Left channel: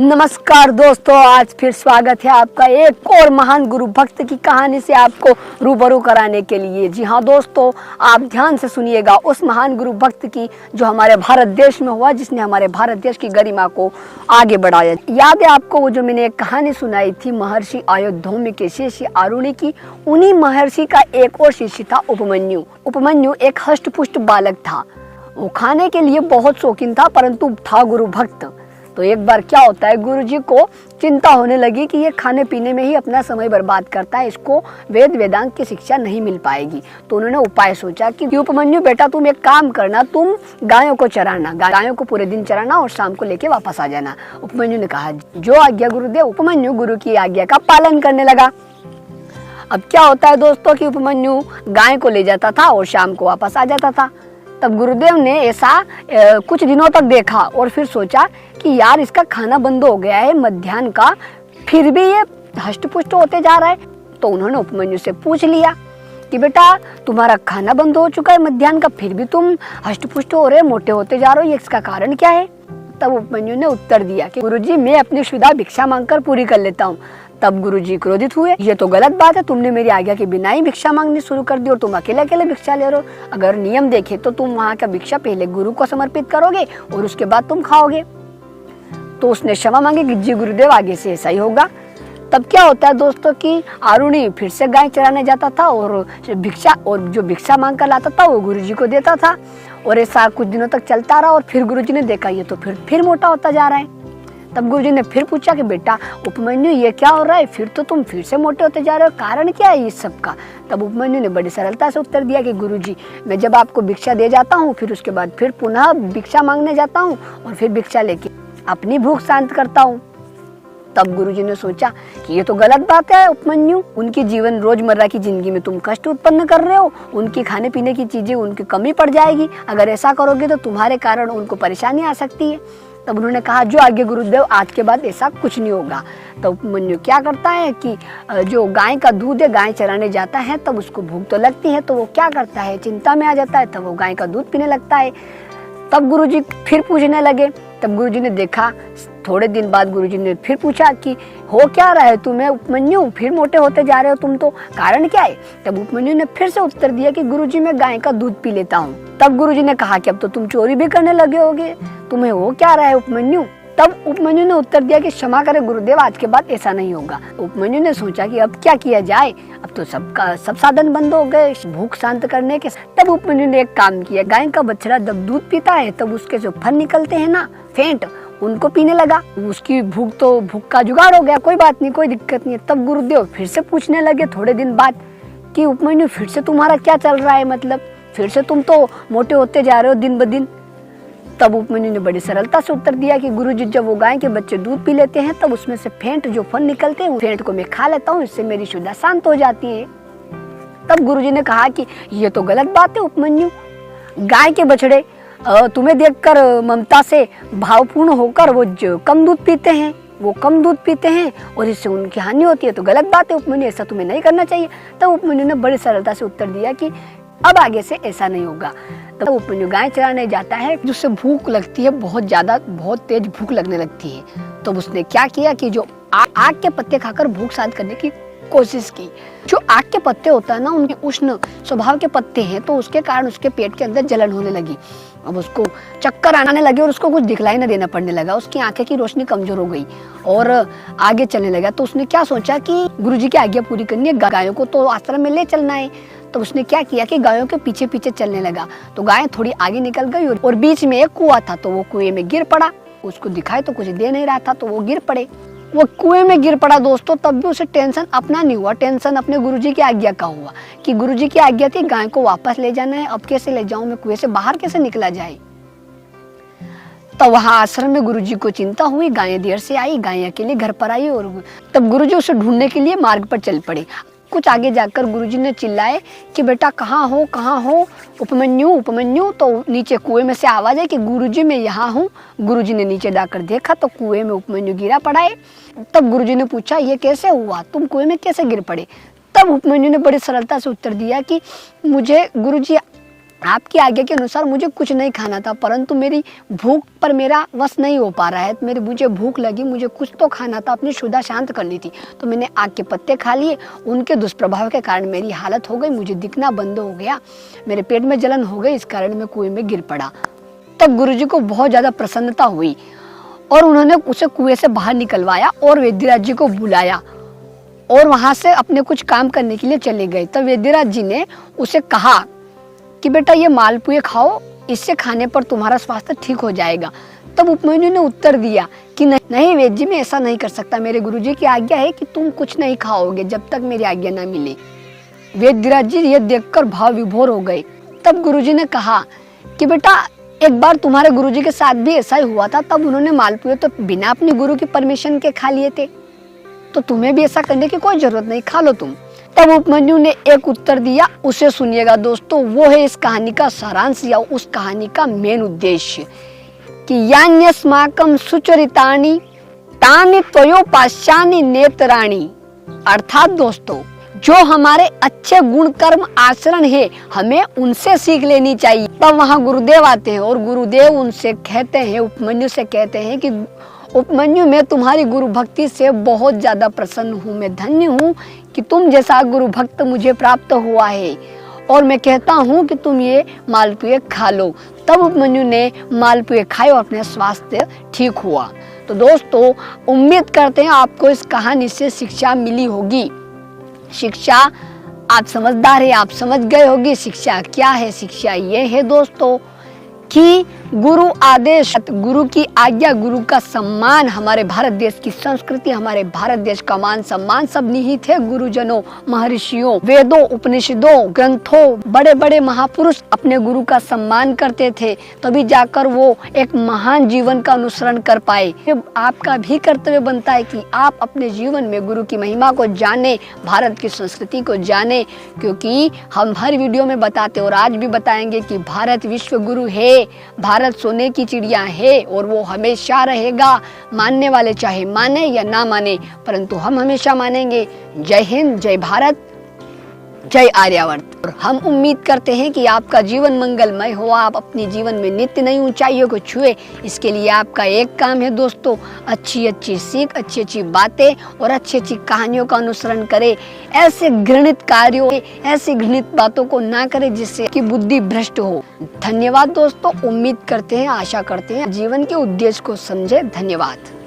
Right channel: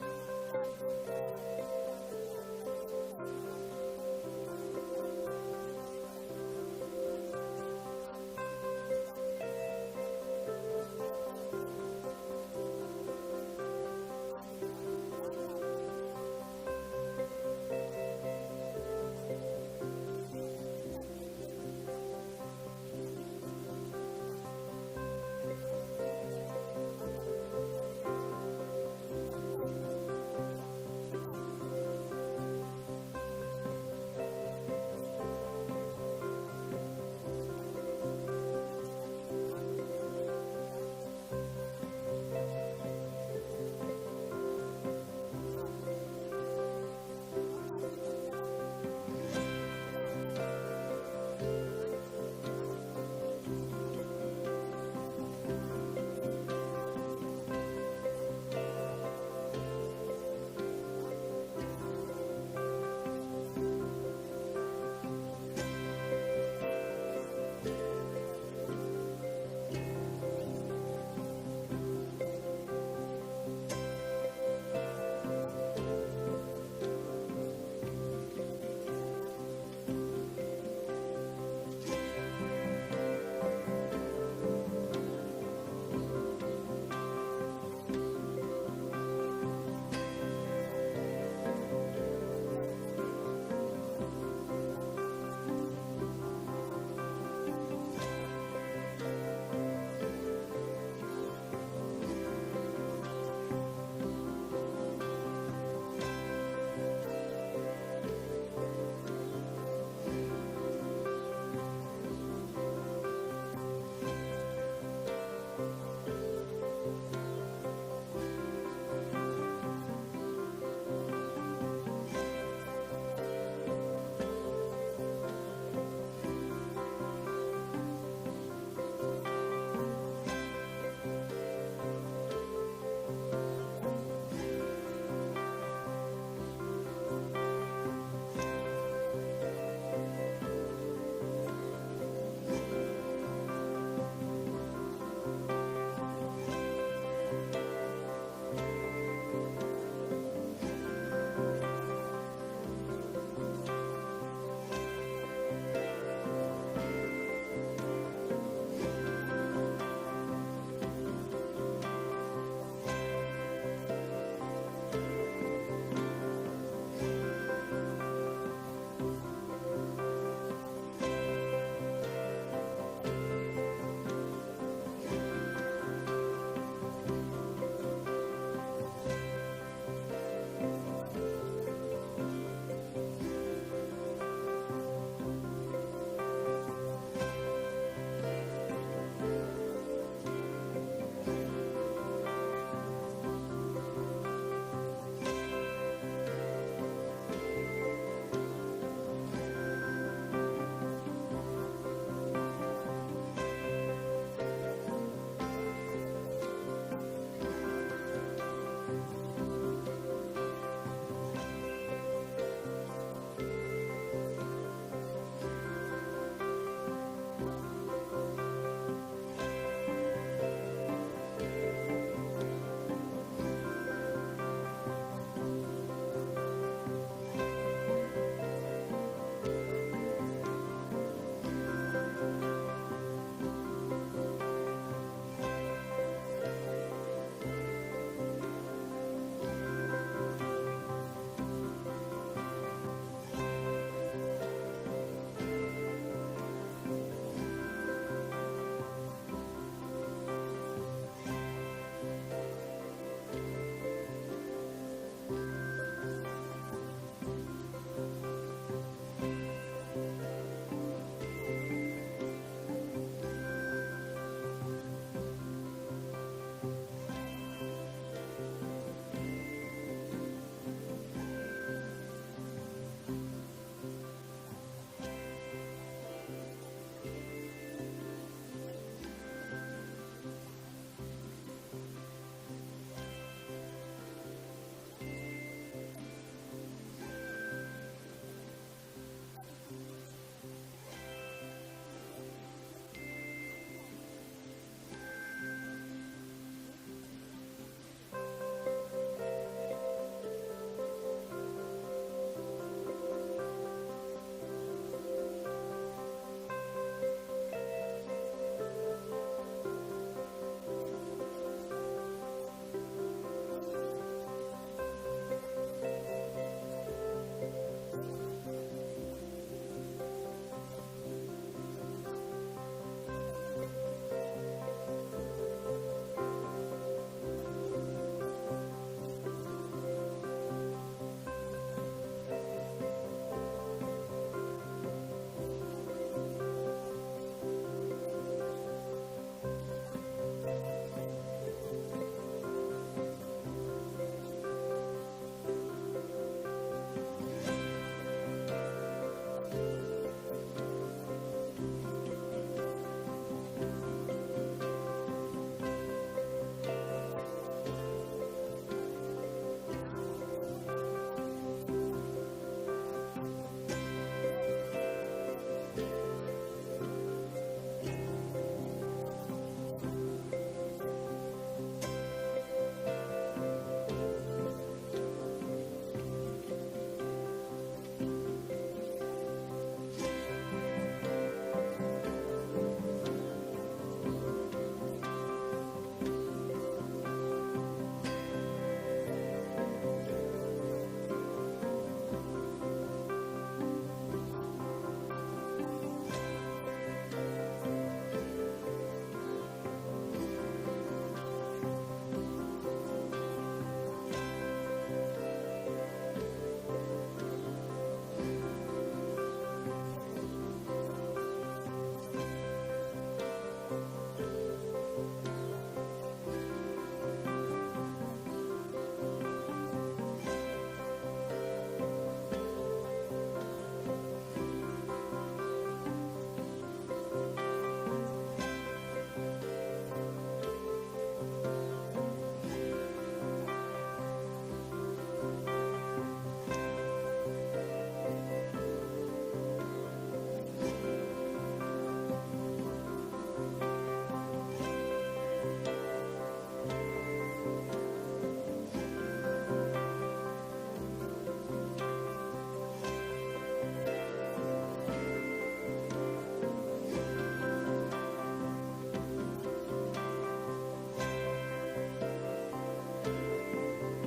नमस्कार दोस्तों, आज फिर स्वागत है आपका एक और महान गुरु भक्त की कहानी से आपको रूबरू कराने के लिए। जी हाँ दोस्तों, आप ध्यान से सुनिएगा उस महान गुरु भक्त की जो हमारे भारत देश में हुआ, जिसने हमारे भारत देश की गरिमा को आगे बढ़ाया। याद है आपको वो जो मैंने एक कहानी सुनाई थी महर्षि आयुर्धौम्य के शिष्य आरुणि की। उन्हीं महर्षि का एक और शिष्य था उपमन्यु। उपमन्यु एक हष्ट पुष्ट बालक था। वो खाने के लिए बहुत शौकीन था, परंतु था गुरु भक्त। तो एक बार क्या होता है, गुरुजी को चिंता होने लगी कि ये खाने पीने में ही अपना समय बर्बाद करता है, इसको वेद वेदांत की शिक्षा नहीं मिल पाएगी। तो उन्होंने उपाय सोचा कि उपमन्यु बेटा तुम एक काम करना, तुम गायों को चराना, गायों को पूरे दिन चराना और शाम को लेके वापस आ जाना। उपमन्यु ने कहा जो आज्ञा गुरुदेव। उपमन्यु गुरु की आज्ञा का पालन करने लगा। अब क्या होता है दोस्तों कि उपमन्यु गाय को ले जाता था और शाम को वापस आ जाता था। तब गुरुदेव ने ऐसा कुछ दिनों तक देखा और फिर सोचा कि यार इसका खाना बंद हो गया है मध्याह्न का, फिर भी ये हष्ट पुष्ट होते जा रहा है। तो उन्होंने उपमन्यु से पूछ लिया कि बेटा तुम्हारा खाना बंद हो चुका है मध्याह्न का, फिर भी तुम हष्ट पुष्ट हो रहे, मोटे होते जा रहे हो, ये इसका कारण क्या है? तब उपमन्यु ने उत्तर दिया कि गुरुजी मैं अपनी शुदा भिक्षा मांगकर पूरी कर लेता हूँ। तब गुरुजी क्रोधित हुए, ये तो गलत बात है, तुमने मेरी आज्ञा के बिना ही भिक्षा मांगनी शुरू कर दी और तुम अकेले अकेले भिक्षा ले रहे हो। अगर नियम देखे तो तुम वहाँ का भिक्षा पहले गुरु को समर्पित करोगे और उसके बाद तुम खाओगे। तो उसने क्षमा मांगी कि जी गुरुदेव आगे से ऐसा ही होगा। तब क्या होता है दोस्तों कि आरुणि फिर से गाय चराने जाता था और जो भिक्षा मांग कर लाता था वो गुरुजी को देता था। और ऐसा कुछ दिनों तक चलता रहा और फिर गुरुजी ने देखा ये तो फिर मोटा होता जा रहा है। तब गुरुजी ने फिर पूछा कि बेटा उपमन्यु ये क्या हो रहा है, फिर तो तुम फिर से मोटे होते जा रहे हो, कारण क्या है इस सब का? तब उपमन्यु ने बड़ी सरलता से उत्तर दिया कि गुरुजी मैं जब आपको भिक्षा दे जाता हूँ फिर उसके बाद फिर पुनः भिक्षा मांगने जाता हूँ और फिर भिक्षा लेके अपनी भूख शांत करता हूँ। तब गुरुजी ने सोचा कि ये तो गलत बात है उपमन्यु, उनकी जीवन रोजमर्रा की जिंदगी में तुम कष्ट उत्पन्न कर रहे हो, उनकी खाने पीने की चीजें उनकी कमी पड़ जाएगी, अगर ऐसा करोगे तो तुम्हारे कारण उनको परेशानी आ सकती है। तब उन्होंने कहा जो आज्ञा गुरुदेव, आज के बाद ऐसा कुछ नहीं होगा। तो उपमन्यु क्या करता है कि जो गाय का दूध है, गाय चराने जाता है तब उसको भूख तो लगती है, तो वो क्या करता है चिंता में आ जाता है, तब वो गाय का दूध पीने लगता है। तब गुरुजी फिर पूछने लगे। तब गुरुजी ने देखा, थोड़े दिन बाद गुरुजी ने फिर पूछा कि हो क्या रहा है तुम्हें उपमन्यु, फिर मोटे होते जा रहे हो तुम, तो कारण क्या है? तब उपमन्यु ने फिर से उत्तर दिया कि गुरुजी मैं गाय का दूध पी लेता हूँ। तब गुरुजी ने कहा कि अब तो तुम चोरी भी करने लगे होगे, तुम्हें हो क्या रहा है उपमन्यु? तब उपमन्यु ने उत्तर दिया कि क्षमा करें गुरुदेव, आज के बाद ऐसा नहीं होगा। उपमन्यु ने सोचा कि अब क्या किया जाए, अब तो सब साधन बंद हो गए भूख शांत करने के। तब उपमन्यु ने एक काम किया, गाय का बछड़ा जब दूध पीता है तब उसके जो फन निकलते हैं ना, फेंट, उनको पीने लगा। उसकी भूख का जुगाड़ हो गया, कोई बात नहीं, कोई दिक्कत नहीं है। तब गुरुदेव फिर से पूछने लगे थोड़े दिन बाद कि उपमन्यु फिर से तुम्हारा क्या चल रहा है, मतलब फिर से तुम तो मोटे होते जा रहे हो दिन ब दिन। तब उपमन्यु ने बड़ी सरलता से उत्तर दिया कि गुरुजी जब वो गाय के बच्चे दूध पी लेते हैं तब उसमें से फेंट जो फन निकलते हैं, फेंट को मैं खा लेता हूँ, इससे मेरी शुदा शांत हो जाती है। तब गुरुजी ने कहा कि ये तो गलत बात है उपमन्यु, गाय के बछड़े तुम्हें देखकर ममता से भावपूर्ण होकर वो जो कम दूध पीते हैं, वो कम दूध पीते हैं और इससे उनकी हानि होती है, तो गलत बात है उपमन्यु, ऐसा तुम्हें नहीं करना चाहिए। तब उपमन्यु ने बड़ी सरलता से उत्तर दिया कि अब आगे से ऐसा नहीं होगा। तब उपमन्यु गाय चराने जाता है, जिससे भूख लगती है, बहुत ज्यादा, बहुत तेज भूख लगने लगती है। तो उसने क्या किया कि जो आग के पत्ते खाकर भूख शांत करने की कोशिश की। जो आग के पत्ते होता है ना, उनके उष्ण स्वभाव के पत्ते हैं, तो उसके कारण उसके पेट के अंदर जलन होने लगी। अब उसको चक्कर आने लगे और उसको कुछ दिखलाई न देना पड़ने लगा, उसकी आंखें की रोशनी कमजोर हो गई और आगे चलने लगा। तो उसने क्या सोचा कि गुरुजी की आज्ञा पूरी करनी है, गायों को तो आश्रम में ले चलना है। तो उसने क्या किया कि गायों के पीछे पीछे चलने लगा। तो गाय थोड़ी आगे निकल गई और बीच में एक कुआं था, तो वो कुएं में गिर पड़ा। उसको दिखाई तो कुछ दे नहीं रहा था, तो वो गिर पड़े, वो कुएं में गिर पड़ा दोस्तों। तब भी उसे टेंशन अपना नहीं हुआ, टेंशन अपने गुरुजी की आज्ञा का हुआ कि गुरुजी की आज्ञा थी गाय को वापस ले जाना है, अब कैसे ले जाऊं मैं, कुएं से बाहर कैसे निकला जाए। तो वहां आश्रम में गुरुजी को चिंता हुई, गायें देर से आई, गायें अकेले घर पर आई और तब गुरुजी उसे ढूंढने के लिए मार्ग पर चल पड़े। कुछ आगे जाकर गुरुजी ने चिल्लाए कि बेटा कहाँ हो उपमन्यु, उपमन्यु। तो नीचे कुएं में से आवाज आई कि गुरुजी मैं यहाँ हूँ। गुरुजी ने नीचे जाकर देखा तो कुएं में उपमन्यु गिरा पड़ा है। तब गुरुजी ने पूछा ये कैसे हुआ, तुम कुएं में कैसे गिर पड़े? तब उपमन्यु ने बड़ी सरलता से उत्तर दिया कि मुझे गुरुजी आपकी आज्ञा के अनुसार मुझे कुछ नहीं खाना था, परंतु मेरी भूख पर मेरा वश नहीं हो पा रहा है। मुझे भूख लगी, मुझे कुछ तो खाना था, अपनी क्षुधा शांत करनी थी, तो मैंने आग के पत्ते खा लिए। उनके दुष्प्रभाव के कारण मेरी हालत हो गई, मुझे दिखना बंद हो गया, मेरे पेट में जलन हो गई, इस कारण मैं कुएं में गिर पड़ा। तब गुरुजी को बहुत ज़्यादा प्रसन्नता हुई और उन्होंने उसे कुएं से बाहर निकलवाया और वैद्यराज जी को बुलाया और वहाँ से अपने कुछ काम करने के लिए चले गए। तब वैद्यराज जी ने उसे कहा कि बेटा ये मालपुए खाओ, इससे खाने पर तुम्हारा स्वास्थ्य ठीक हो जाएगा। तब उपमन्यु ने उत्तर दिया कि नहीं वैद्य जी, मैं ऐसा नहीं कर सकता, मेरे गुरुजी की आज्ञा है कि तुम कुछ नहीं खाओगे जब तक मेरी आज्ञा न मिले। वैद्यराज जी ये देखकर भाव विभोर हो गए। तब गुरुजी ने कहा कि बेटा एक बार तुम्हारे गुरुजी के साथ भी ऐसा ही हुआ था, तब उन्होंने मालपुए तो बिना अपने गुरु की परमिशन के खा लिए थे, तो तुम्हें भी ऐसा करने की कोई जरूरत नहीं, खा लो तुम। तब उपमन्यु ने एक उत्तर दिया, उसे सुनिएगा दोस्तों, वो है इस कहानी का सारांश या उस कहानी का मेन उद्देश्य कि यान्यस्माकं सुचरितानि तानि त्वयोपास्यानि नेत्राणि। अर्थात दोस्तों, जो हमारे अच्छे गुण कर्म आचरण है हमें उनसे सीख लेनी चाहिए। तब वहाँ गुरुदेव आते हैं और गुरुदेव उनसे कहते हैं, उपमन्यु से कहते हैं कि उपमन्यु, मैं तुम्हारी गुरु भक्ति से बहुत ज्यादा प्रसन्न हूँ, मैं धन्य हूँ कि तुम जैसा गुरु भक्त मुझे प्राप्त हुआ है और मैं कहता हूँ कि तुम ये मालपुए खा लो। तब उपमन्यु ने मालपुए खाए और अपने स्वास्थ्य ठीक हुआ। तो दोस्तों, उम्मीद करते हैं आपको इस कहानी से शिक्षा मिली होगी। शिक्षा, आप समझदार है, आप समझ गए होगी शिक्षा क्या है। शिक्षा ये है दोस्तों कि गुरु आदेश, गुरु की आज्ञा, गुरु का सम्मान, हमारे भारत देश की संस्कृति, हमारे भारत देश का मान सम्मान सब निहित है गुरुजनों, महर्षियों, वेदों, उपनिषदों, ग्रंथों। बड़े बड़े महापुरुष अपने गुरु का सम्मान करते थे, तभी जाकर वो एक महान जीवन का अनुसरण कर पाए। आपका भी कर्तव्य बनता है कि आप अपने जीवन में गुरु की महिमा को जाने, भारत की संस्कृति को जाने, क्योंकि हम हर वीडियो में बताते और आज भी बताएंगे कि भारत विश्व गुरु है, भारत सोने की चिड़िया है और वो हमेशा रहेगा। मानने वाले चाहे माने या ना माने, परंतु हम हमेशा मानेंगे। जय हिंद, जय भारत, जय आर्यावर्त। और हम उम्मीद करते हैं कि आपका जीवन मंगलमय हो, आप अपने जीवन में नित्य नई ऊंचाइयों को छुए। इसके लिए आपका एक काम है दोस्तों, अच्छी अच्छी सीख, अच्छी अच्छी बातें और अच्छी अच्छी कहानियों का अनुसरण करें। ऐसे घृणित कार्यों, ऐसी घृणित बातों को ना करें जिससे कि बुद्धि भ्रष्ट हो। धन्यवाद दोस्तों, उम्मीद करते हैं, आशा करते हैं जीवन के उद्देश्य को समझे। धन्यवाद।